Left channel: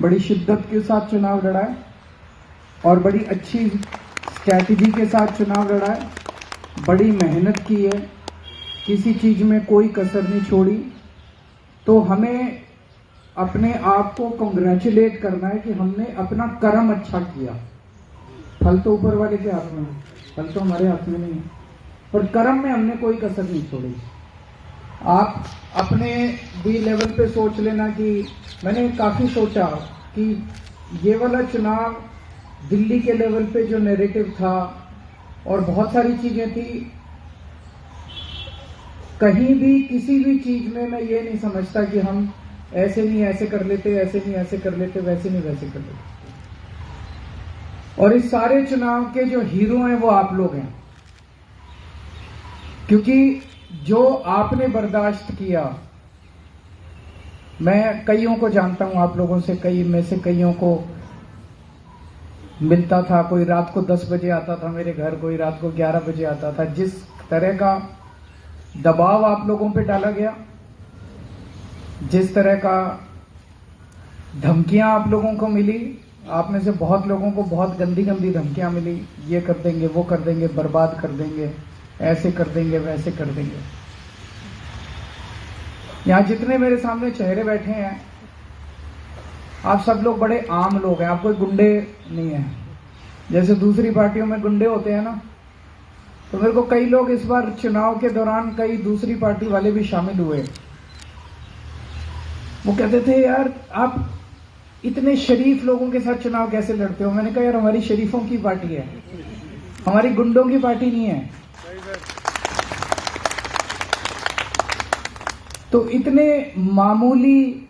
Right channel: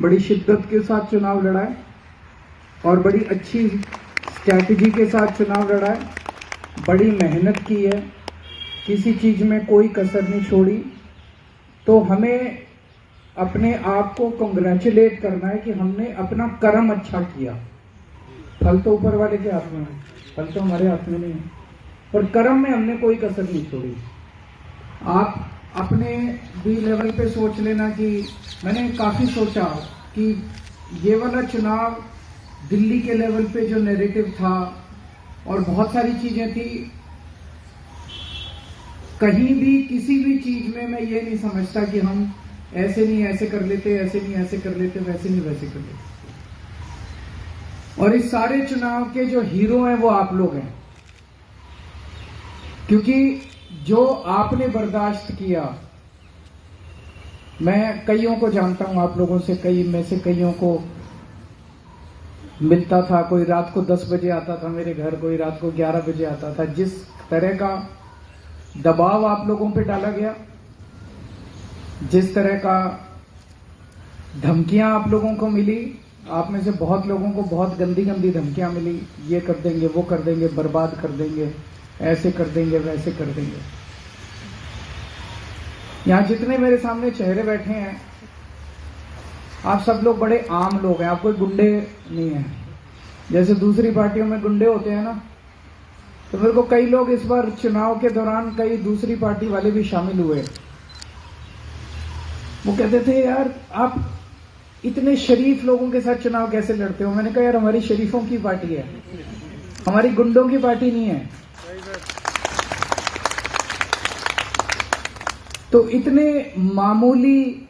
बड़ी शिद्दत के साथ चुनाव लड़ा है और बड़ी अच्छी स्ट्रैटेजी के साथ चुनाव लड़ा है, बड़ी मेहनत की है, किसी चीज में कोई कसर नहीं छोड़ी। तो हमें अपने आप को कंग्रेचुलेट करना है कि हमने अपना कर्म अच्छा किया। फल तो ऊपर वाले के हाथ में है, फल तो हमारे हाथ में नहीं है, पर कर्म में हमने कोई कसर नहीं छोड़ी। आप अपने भी लेवल पे सोच लेना कि मैंने काफी सोचा कि ये वाला चुनाव दिल्ली के लेवल पे जो नैरेटिव था और बहुत सारी चीजें थी, कहीं भी किसी भी चीज में मैं ये नहीं समझता कि हम ऐसे नहीं ऐसे कर लेते, ऐसे नहीं ऐसे कर लेते, वैसे नहीं वैसे कर लेते। और इस सारे चुनाव के जो हीरो हैं वो आप लोग हैं, क्योंकि जो आपने बर्दाश्त किया, मैं कईयों को जानता हूं, आप लोगों से कई में से कईयों को मिलता था। कोई रात को 10 बजे आता था मेरे घर, कोई रात को 11 बजे आता था। जिस तरह का दबाव आप लोगों पे डाला गया, जिस तरह का धमकियां आप लोगों को मिली, आप में से बहुत लोगों को बहुत गंदी गंदी धमकियां मिली, ये कर देंगे, वो कर देंगे, बर्बाद कर देंगे, ऐसे कर देंगे, वैसे कर देंगे। यहां जितने मेरे सामने चेहरे बैठे हैं, आप सब लोग बड़े आम लोग हैं, आप कोई गुंडे नहीं हैं। जैसे दूसरी पार्टियों में गुंडे होते हैं ना, तो मेरे को कई लोग इस बार चुनाव के दौरान कई दूसरी पार्टी वाले भी शामिल हुए। वो कहते थे, यार आप इतने शरीफ लोगों के साथ चुनाव कैसे लड़ते हो? मैंने कहा, यार हमारी शरीफों की पार्टी है, हमारी गुंडों की पार्टी नहीं है। तो इतने मामूली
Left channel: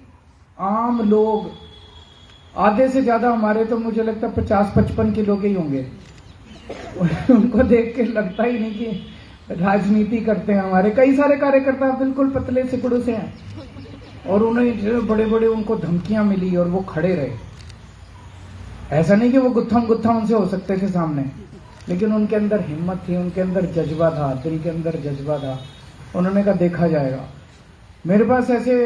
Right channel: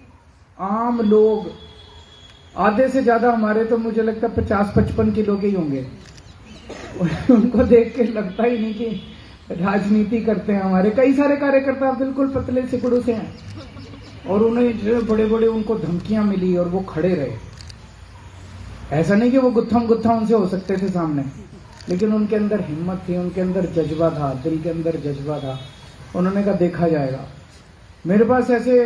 आम लोग, आधे से ज्यादा हमारे तो मुझे लगता है 50-55 किलो के ही होंगे, उनको देख के लगता ही नहीं कि राजनीति करते हैं। हमारे कई सारे कार्यकर्ता बिल्कुल पतले सिकुड़ों से हैं, और उन्हें जो बड़े बड़े उनको धमकियां मिली और वो खड़े रहे। ऐसा नहीं कि वो गुत्था उनसे हो सकते थे सामने, लेकिन उनके अंदर हिम्मत थी, उनके अंदर जज्बा था, दिल के अंदर जज्बा था। उन्होंने कहा देखा जाएगा। मेरे पास ऐसे,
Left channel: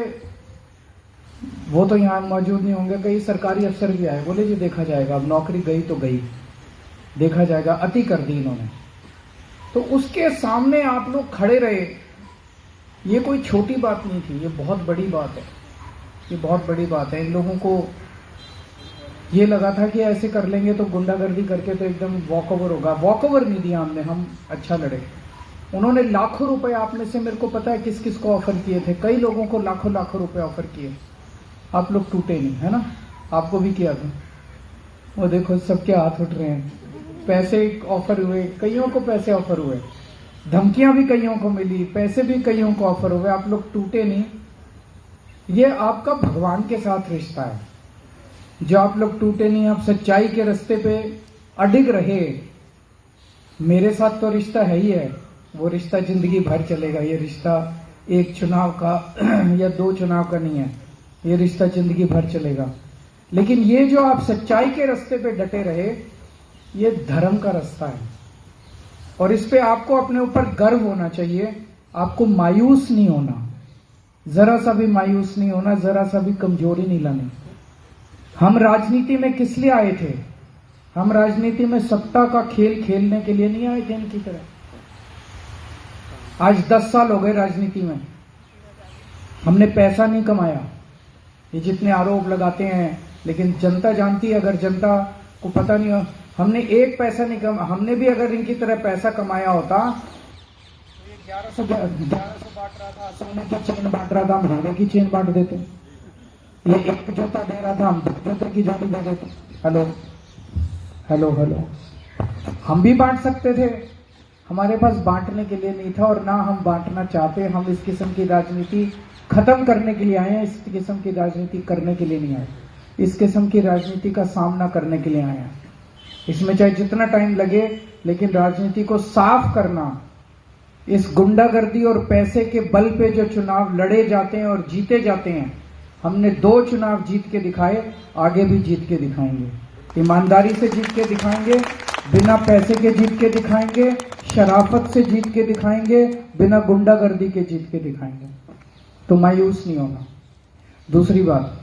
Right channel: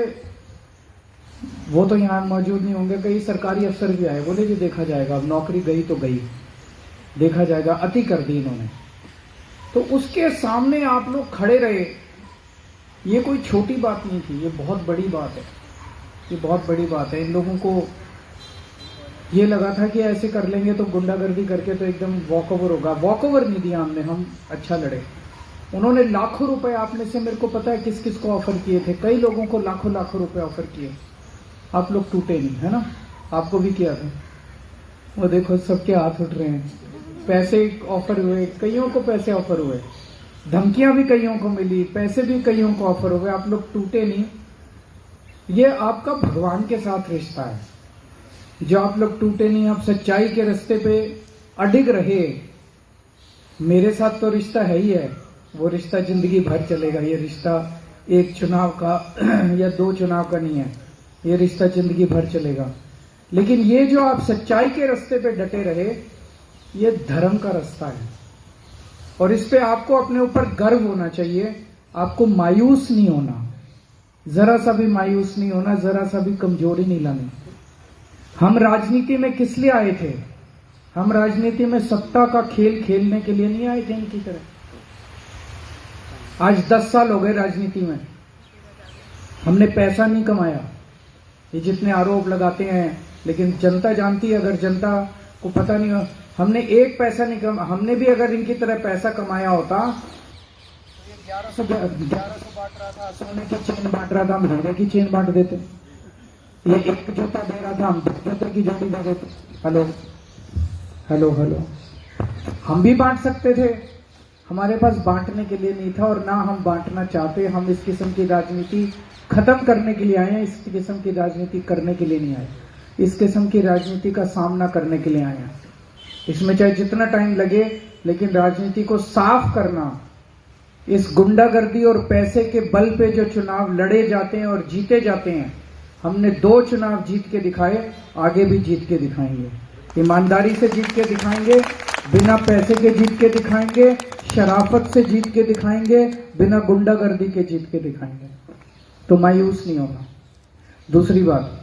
वो तो यहां मौजूद नहीं होंगे, कई सरकारी अफसर भी आए, बोले जी देखा जाएगा, अब नौकरी गई तो गई, देखा जाएगा। अति कर दी इन्होंने। तो उसके सामने आप लोग खड़े रहे, ये कोई छोटी बात नहीं थी, ये बहुत बड़ी बात है, ये बहुत बड़ी बात है। इन लोगों को ये लगा था कि ऐसे कर लेंगे तो गुंडागर्दी करके तो एकदम वॉक ओवर होगा। वॉक ओवर नहीं दिया हमने, हम अच्छा लड़े। उन्होंने लाखों रुपए, आप में से मेरे को पता है किस किस को ऑफर किए थे, कई लोगों को लाखों लाखों रुपए ऑफर किए। आप लोग टूटे नहीं, है ना? आपको भी किया था, वो देखो सबके हाथ उठ रहे हैं। पैसे ऑफर हुए, कईयों को पैसे ऑफर हुए, धमकियां भी कईयों को मिली, पैसे भी कईयों को ऑफर हुए, आप लोग टूटे नहीं। ये आपका भगवान के साथ रिश्ता है, जो आप लोग टूटे नहीं, आप सच्चाई के रास्ते पे अडिग रहे। मेरे साथ तो रिश्ता है ही है, वो रिश्ता जिंदगी भर चलेगा। ये रिश्ता एक चुनाव का या 2 चुनाव का नहीं है, ये रिश्ता जिंदगी भर चलेगा। लेकिन ये जो आप सच्चाई के रास्ते पे डटे रहे, ये धर्म का रास्ता है, और इस पे आपको अपने ऊपर गर्व होना चाहिए। आपको मायूस नहीं होना, जरा सा भी मायूस नहीं होना, जरा सा भी कमजोरी नहीं लानी। हम राजनीति में किस लिए आए थे? हम राजनीति में सत्ता का खेल खेलने के लिए नहीं आए थे इनकी तरह। आज 10 साल हो गए राजनीति में, हमने पैसा नहीं कमाया। ये जितने आरोप लगाते हैं, लेकिन जनता जानती है, अगर जनता को पता नहीं हो, हमने एक पैसा नहीं कमा। हमने भी अगर इनकी तरह पैसा कमाया होता तो ये 1100 बांट रहा था, सोने की चेन बांट रहा था, हम हीरे की चेन बांट देते। ये एक जूता दे रहा था, हम 2 जूते की जोड़ी दे देते। हेलो हेलो हेलो, हम भी बांट सकते थे, हमारे पास बांटने के लिए नहीं था, और ना हम बांटना चाहते। हम इस किस्म की राजनीति खत्म करने के लिए आए हैं, इस किस्म की राजनीति करने के लिए नहीं आए, इस किस्म की राजनीति का सामना करने के लिए आए हैं। इसमें चाहे जितना टाइम लगे, लेकिन राजनीति को साफ करना, इस गुंडागर्दी और पैसे के बल पे जो चुनाव लड़े जाते हैं और जीते जाते हैं, हमने 2 चुनाव जीत के दिखाए, आगे भी जीत के दिखाएंगे। ईमानदारी से जीत के दिखाएंगे, बिना पैसे के जीत के दिखाएंगे, शराफत से जीत के दिखाएंगे, बिना गुंडागर्दी के जीत के दिखाएंगे। तो मायूस नहीं होना। दूसरी बात,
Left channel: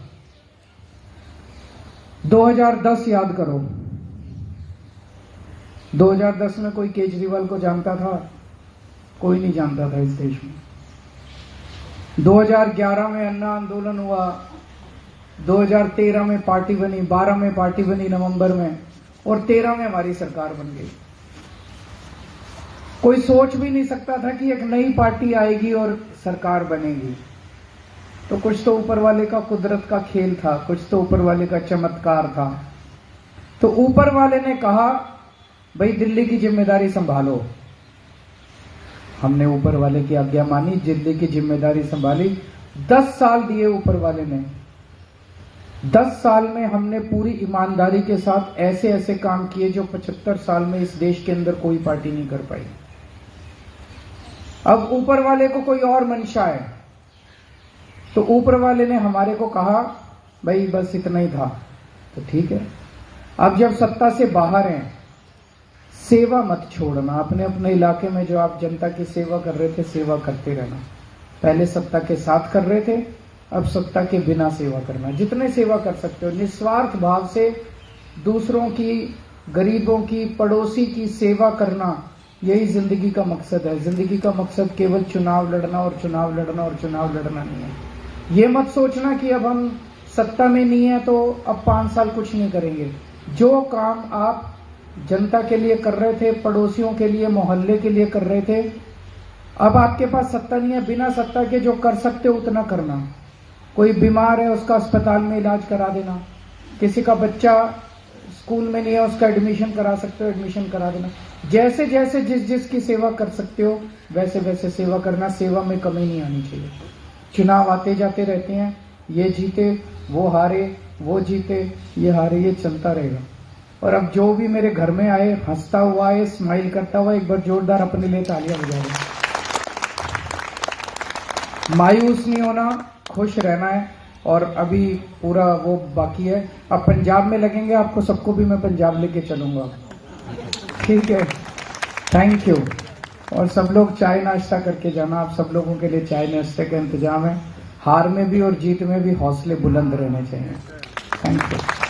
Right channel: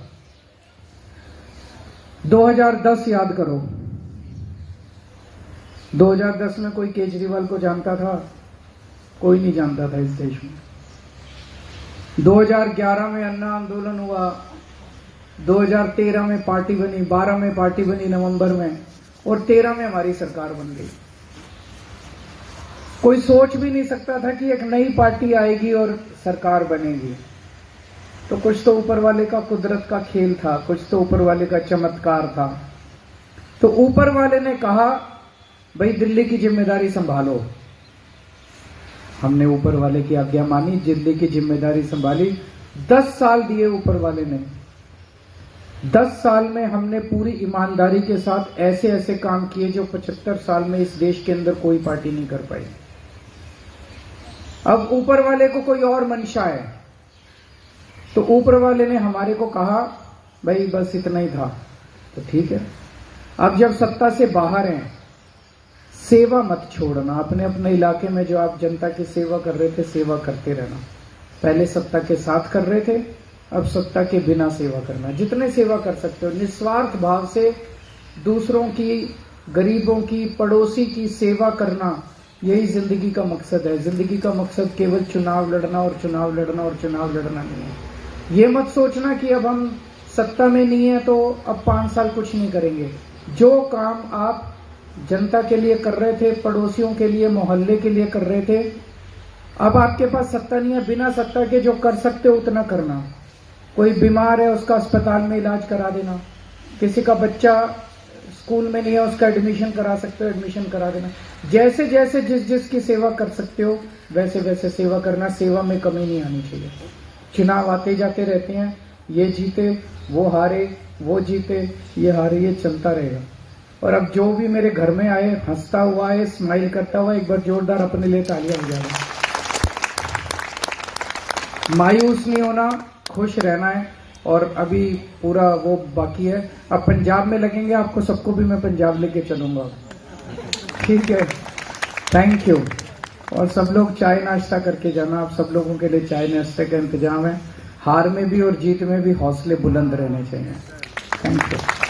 2010 याद करो, 2010 में कोई केजरीवाल को जानता था? कोई नहीं जानता था इस देश में। 2011 में अन्ना आंदोलन हुआ, 2013 में पार्टी बनी, 12 में पार्टी बनी नवंबर में, और 13 में हमारी सरकार बन गई। कोई सोच भी नहीं सकता था कि एक नई पार्टी आएगी और सरकार बनेगी। तो कुछ तो ऊपर वाले का कुदरत का खेल था, कुछ तो ऊपर वाले का चमत्कार था। तो ऊपर वाले ने कहा भाई दिल्ली की जिम्मेदारी संभालो। हमने ऊपर वाले की आज्ञा मानी, दिल्ली की जिम्मेदारी संभाली। 10 साल दिए ऊपर वाले ने। 10 साल में हमने पूरी ईमानदारी के साथ ऐसे ऐसे काम किए जो 75 साल में इस देश के अंदर कोई पार्टी नहीं कर पाई। अब ऊपर वाले को कोई और मंशा है, तो ऊपर वाले ने हमारे को कहा भाई बस इतना ही था, तो ठीक है। अब जब सत्ता से बाहर हैं, सेवा मत छोड़ना। अपने अपने इलाके में जो आप जनता की सेवा कर रहे थे, सेवा करते रहना। पहले सत्ता के साथ कर रहे थे, अब सत्ता के बिना सेवा करना। जितने सेवा कर सकते हो निस्वार्थ भाव से दूसरों की, गरीबों की, पड़ोसी की सेवा करना, यही जिंदगी का मकसद है। जिंदगी का मकसद केवल चुनाव लड़ना और चुनाव लड़ना और चुनाव लड़ना नहीं है। ये मत सोचना कि अब हम सत्ता में नहीं है तो अब 5 साल कुछ नहीं करेंगे। जो काम आप जनता के लिए कर रहे थे, पड़ोसियों के लिए, मोहल्ले के लिए कर रहे थे, अब आपके पास सत्ता नहीं है, बिना सत्ता के जो कर सकते हो उतना करना। कोई बीमार है उसका अस्पताल में इलाज करा देना, किसी का बच्चा स्कूल में नहीं है उसका एडमिशन करा सकते हो, एडमिशन करा देना। जैसे जैसे जिस जिस की सेवा कर सकते हो वैसे वैसे सेवा करना। सेवा में कमी नहीं आनी चाहिए। चुनाव आते जाते रहते हैं, ये जीते वो हारे, वो जीते ये हारे, ये चलता रहेगा। और अब जो भी मेरे घर में आए, हंसता हुआ है, स्माइल करता हुआ, एक बार जोरदार अपने लिए तालियां हो जाएगा। मायूस नहीं होना, खुश रहना है। और अभी पूरा वो बाकी है। अब पंजाब में लगेंगे, आपको सबको भी मैं पंजाब लेके चलूंगा, ठीक है? Thank you. और सब लोग चाय नाश्ता करके जाना। आप सब लोगों के लिए चाय नाश्ते का इंतजाम है। हार में भी और जीत में भी हौसले बुलंद रहने चाहिए। Thank you.